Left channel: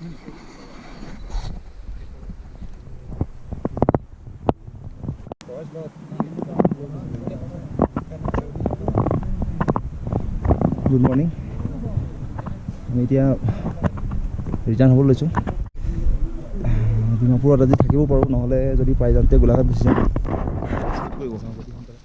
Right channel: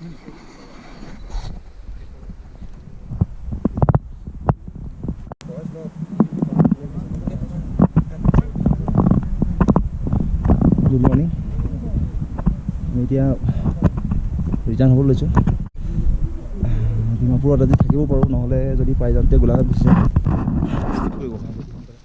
Good morning. আমি এতিয়া return হ'ব লৈছোঁ। ডিমাপুৰত আজি থাকিব পাৰোঁ, নহ'লে যদি পাই যাওঁতে গোলাঘাট গুচি যাম। স্লিপ কৰিব পাৰোঁ যদি সোনকালে।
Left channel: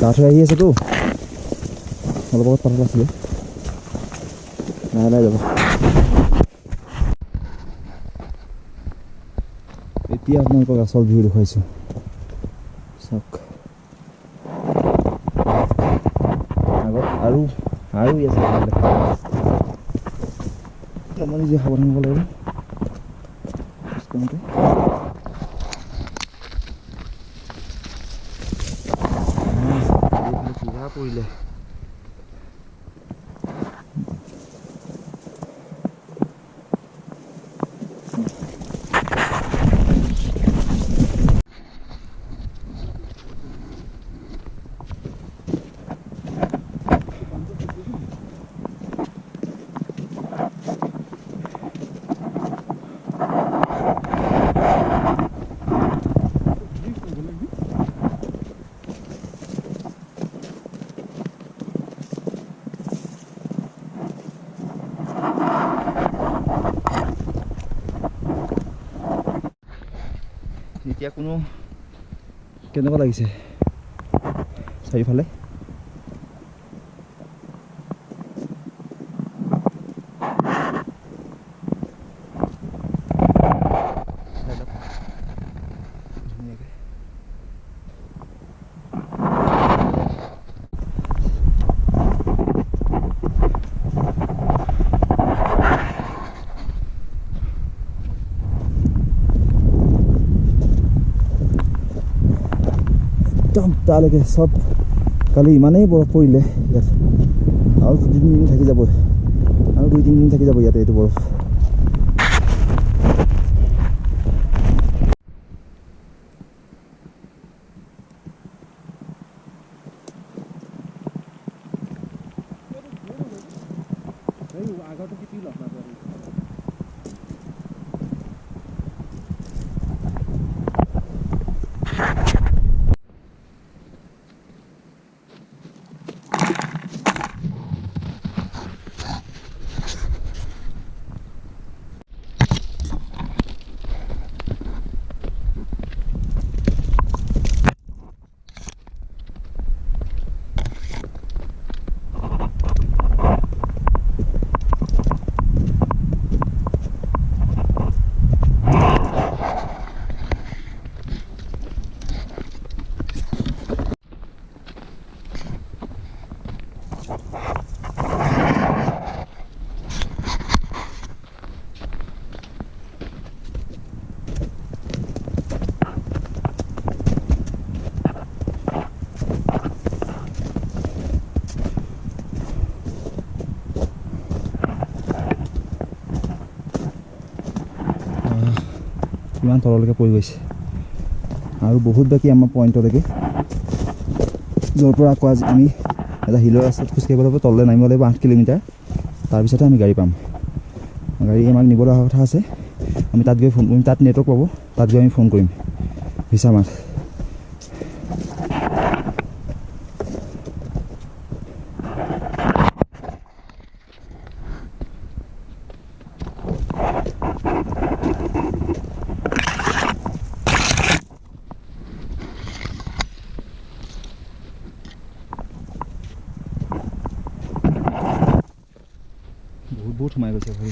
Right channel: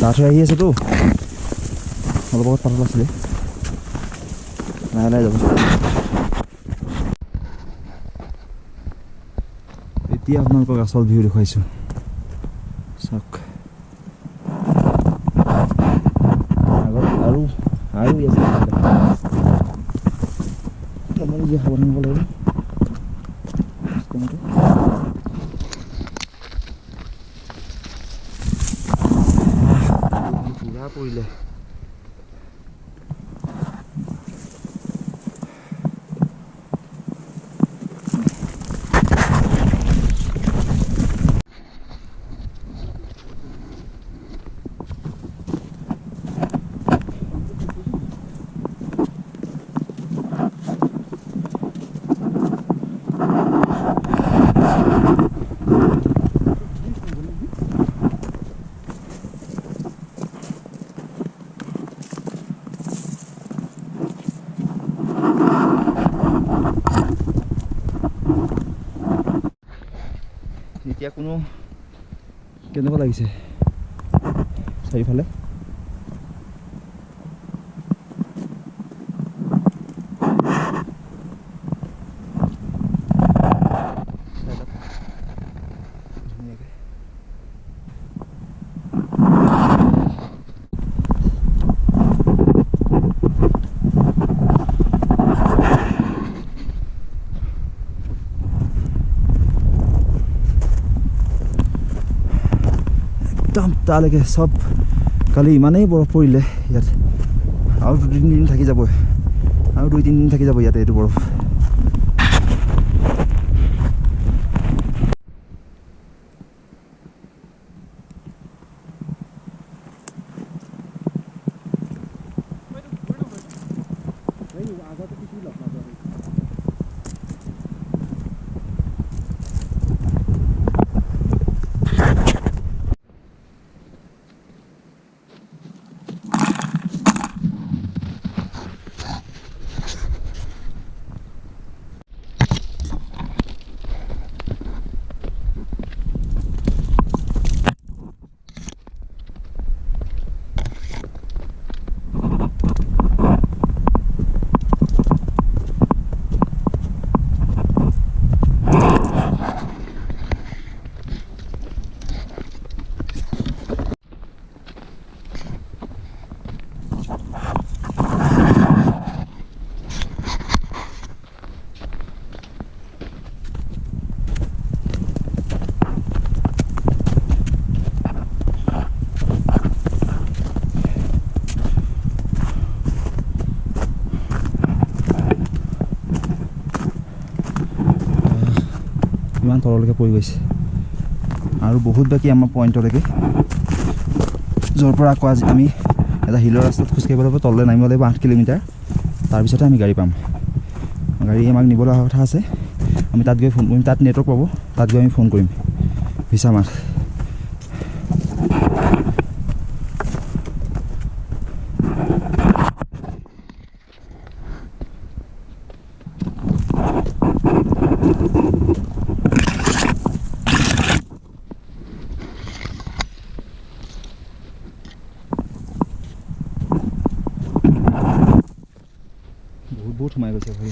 ডাঠ হৈ আহি আছেতো, অলপ আগত পাতল আছিলে, লাহে লাহে যাব। এতিয়া আপোনালোকক আচল ভিউ দেখুৱাইছোঁ, চাওক। আগত আৰু আছে অলপমান নিজে সাৱধান হ'ব লাগিব খোজ কাঢ়োঁতে। পুৰা পৰিলে। এতিয়া কোনো কেনেকুৱা লাগিছে চাৰিওফালে? একদম তালৈকে চব কালি ইমানেই বৰফ পৰিলে ইয়াত, আৰু 2-3 দিন থাকি যাব, আৰু 2-3 দিন থাকি যাব ইয়াতে এইটো বৰফ। আগৰটো কি লগ মাজৰ ইমান তললৈকে পৰি গৈছে, আৰু বহুত বাকী আমাৰ পইণ্টলৈকে, য'ৰ পৰা আকৌ আজি আমি এটা হিলৰ ৰাস্তাত খোজকাঢ়িব লাগিব, তললৈ নামিব লাগিব 8 কিলোমিটাৰ, তাৰপিছতে আমি গাড়ী পাম। গাড়ী আমাক নিবলৈ অহা কথা আছে, আমি তাত গৈ ফোন কৰিম, তাত নেটৱৰ্ক পাব, তাত গৈ আমি ফোন কৰিম ভিছামাৰ। বহুত সোমাই গৈছে ভৰি।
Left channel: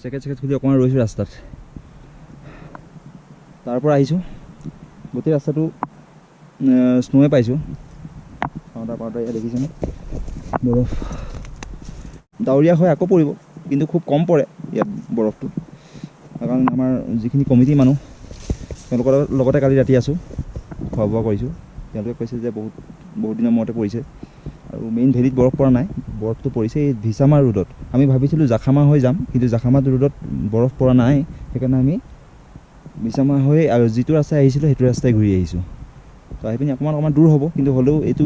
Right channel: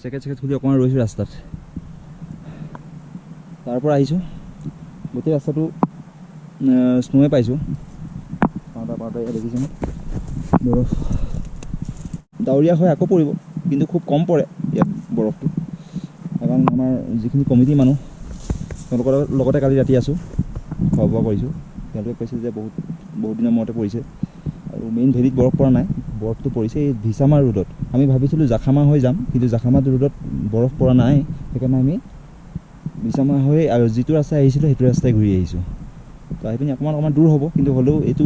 চেকেট খুলি অকণমান ৰৈছোঁ ৰাস্তাত, তাৰ পৰা আহিছোঁ, গোটেই ৰাস্তাটো স্নোৱে পাইছোঁ। পাওঁতে এয়া দেখিছেনে বৰফ, ডাৱৰীয়া হয় আকৌ পৰিব, কিন্তু খুব কম পৰে ইয়াত বৰফটো, কাৰণ আমাৰ যিখিনি কমিটি মানুহ তেওঁলোকৰ লগতে কালি ৰাতি আছোঁ, খোৱা বোৱা কৰিছোঁ। তেওঁলোকে কৈছে যে বহুত বহুত দিনৰ মূৰতে পৰিছে আৰু মেইন ভেলীত বৰফ পৰা নাই বৰফটো পৰিছে এই ভিছামা ৰোডত আমি ভাবিছিলোঁ জাখামা হৈ যাম কিন্তু জাখামা ৰোডত বৰফ পৰা নাই সেইকাৰণে আমি ভিছামা হৈ আৰু যিটো ৰাস্তাই আহিছিলোঁ সেইটো ৰাস্তাই ঘূৰি আহিছোঁ তো আহি পিনি অকণমান দূৰ হ'ব কিন্তু হ'লেও এইটো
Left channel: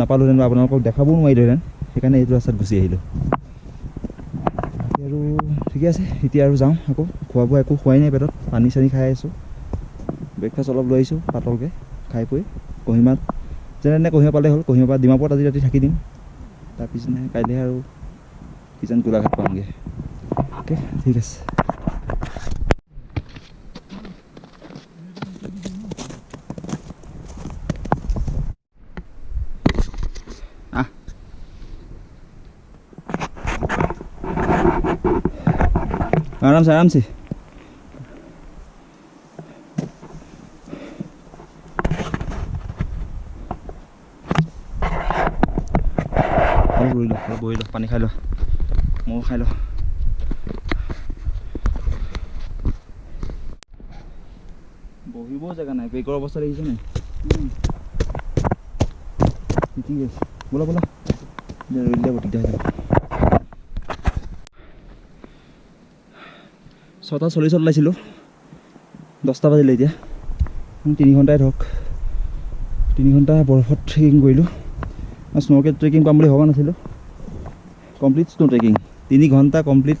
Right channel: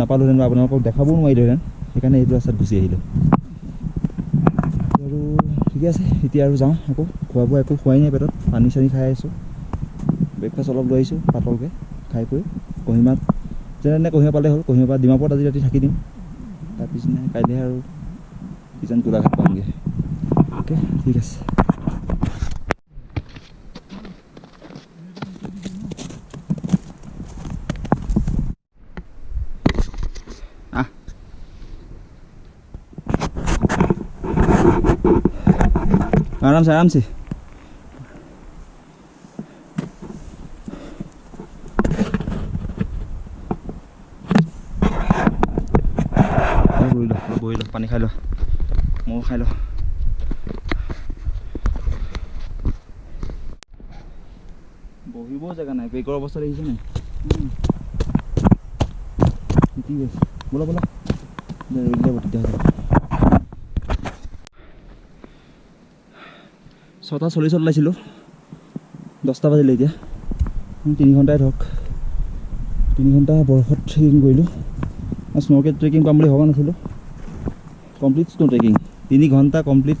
নাপালোহেঁতেন বা আপোনালোকক দেখাবও নোৱাৰিলোহেঁতেন সেইকাৰণে এইটো ৰাস্তাত গুচি আহিলোঁ আৰু ঠিকে আছে এতিয়া আৰু যাওঁ আকৌ খোৱা বোৱা একো খোৱাই নাই পেটত পানী চানী খাই আছোঁ ব্ৰেকফাষ্ট অলপ লৈ আহিছোঁ পাতলকৈ খাই পৈ কহিমাত যেনে কহিমা পালে হ'ল কহিমাৰ পৰা ডিমাপুৰত আজি ৰাতি থাকি দিম তাৰ পিছদিনা কাইলৈ আৰু কিজান গোলাঘাট পামগৈ অ'কে ঠিক আছে आराम से अलग बही लो पानी खाई लो मो खाई लो बहिबो जगह ना बेगर अवस्था देखिছে নাই ঠিক আছে बोला बोला रैले बटिक जा 6:40 ওলাইছিলোঁ 10টা বাজিলে এতিয়া 3 ঘণ্টাই ধৰক 3 ঘণ্টা বৰফত ট্ৰেকিং কৰিলোঁ স্ন'কে ট্ৰেকিং পাম বুলি ভবা নাছিলোঁ কমপ্লিট স্নো ট্ৰেকিং 3 ঘণ্টা কমপ্লিট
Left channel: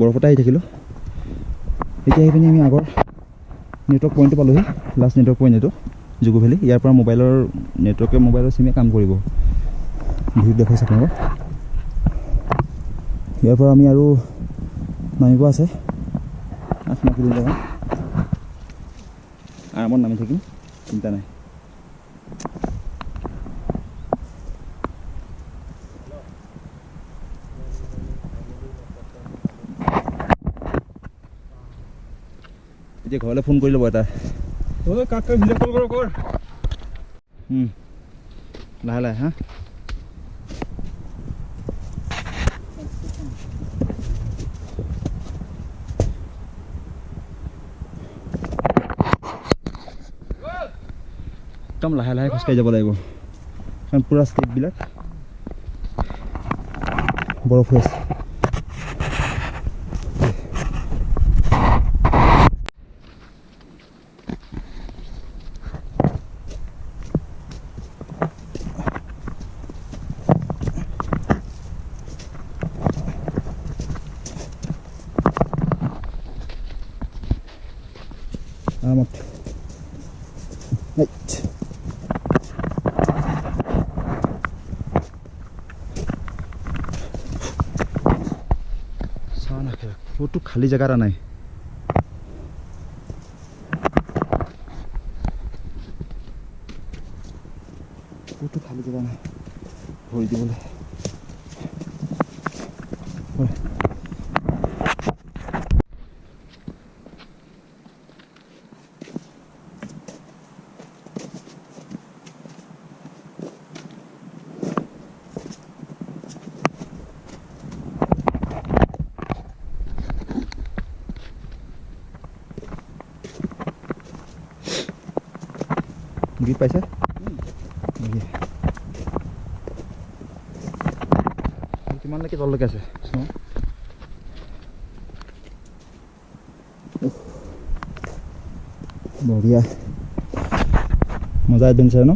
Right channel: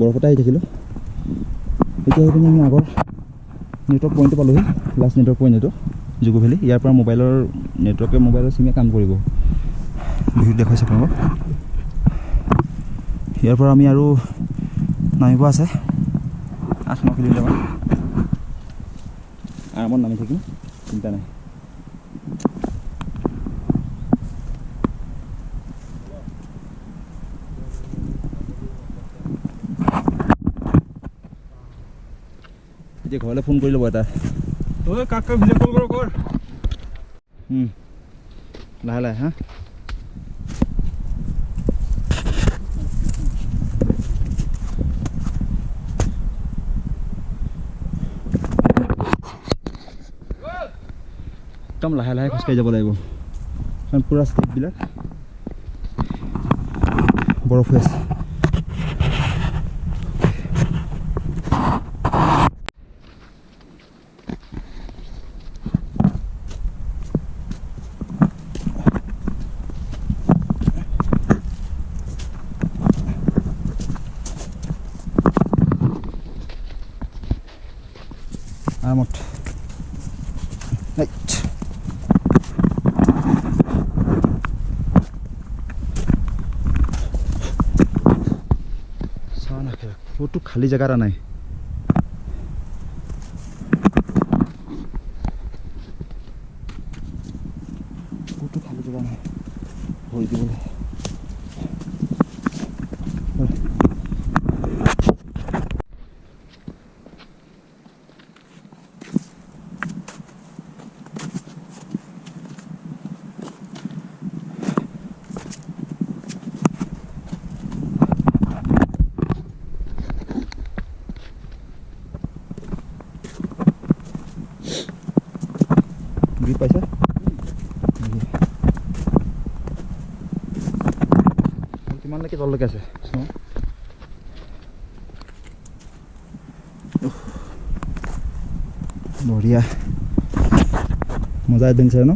বৰফতে আহি থাকিলোঁ এতিয়া আহি পিনি আমি আগৰ নেটৱৰ্ক পইণ্টটো পালোঁহি লাষ্ট নেটৱৰ্ক পইণ্ট এইটো জুকো ভেলী ইয়াৰ পৰা মোবাইলৰ নেটৱৰ্কে মোবাইলৰ চিমে কাম কৰিব ভিডিঅ' দেখুৱাইছে আপোনালোকক ইয়াৰ পৰা আমি আৰু নামিব আছে 8-9 কিলোমিটাৰমান আৰামত নামি থাকিম চিন্তা নাই এতিয়া ঘৰলৈ ফোন কৰি ল'ব এটা ঐ কাকা ভিডিঅ' কল কৰ লাহে লাহে হা একদম লাহে লাহে খোজকাঢ়ি যাব লাগিব কাৰণ পুৰা ষ্টেপবিলাক বৰফ হৈ আছে আৰামত ক'তো খালী জেগা এটা নাই ক'তো খালী জেগা নাই ভৰি দিবলৈ গ্ৰিপ পাইছা কিমানলৈকে তললৈকে আছে বঢ়িয়া মজা এডভেঞ্চাৰ ন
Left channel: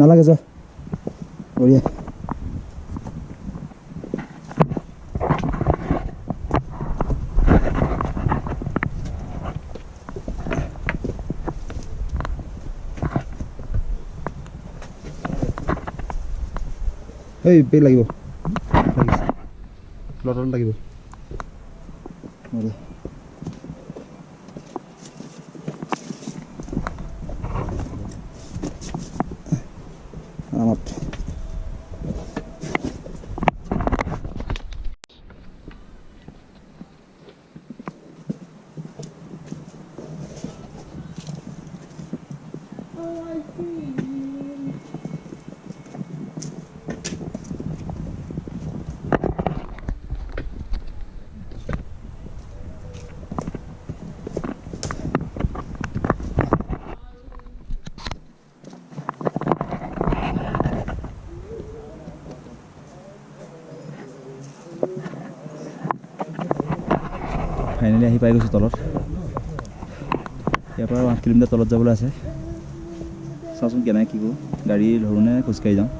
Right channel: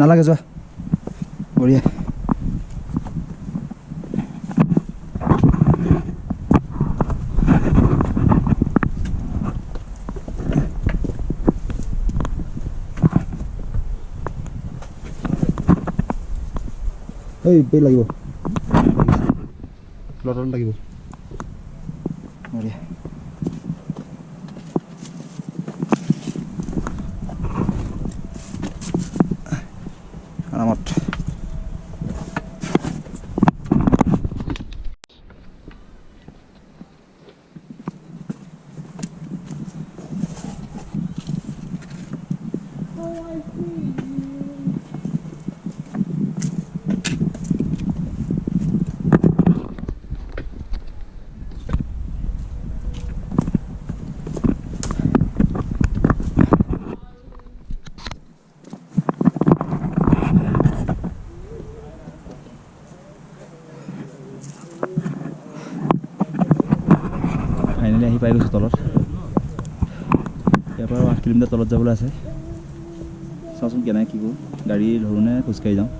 নালাগে যোৱা বঢ়িয়া এই বেগ লাগিব লাগিছে লটত লাগিব বঢ়িয়া আৰামত ফাইনেলি আহি পাই গৈছোঁ তলত ইয়াৰ পৰা 8 কিলোমিটাৰ তলত যাবলৈ আছে চাওঁচোন কেনেকৈ কি কৰোঁ গাড়ী ধৰোঁনে খোজকাঢ়ি যাওঁ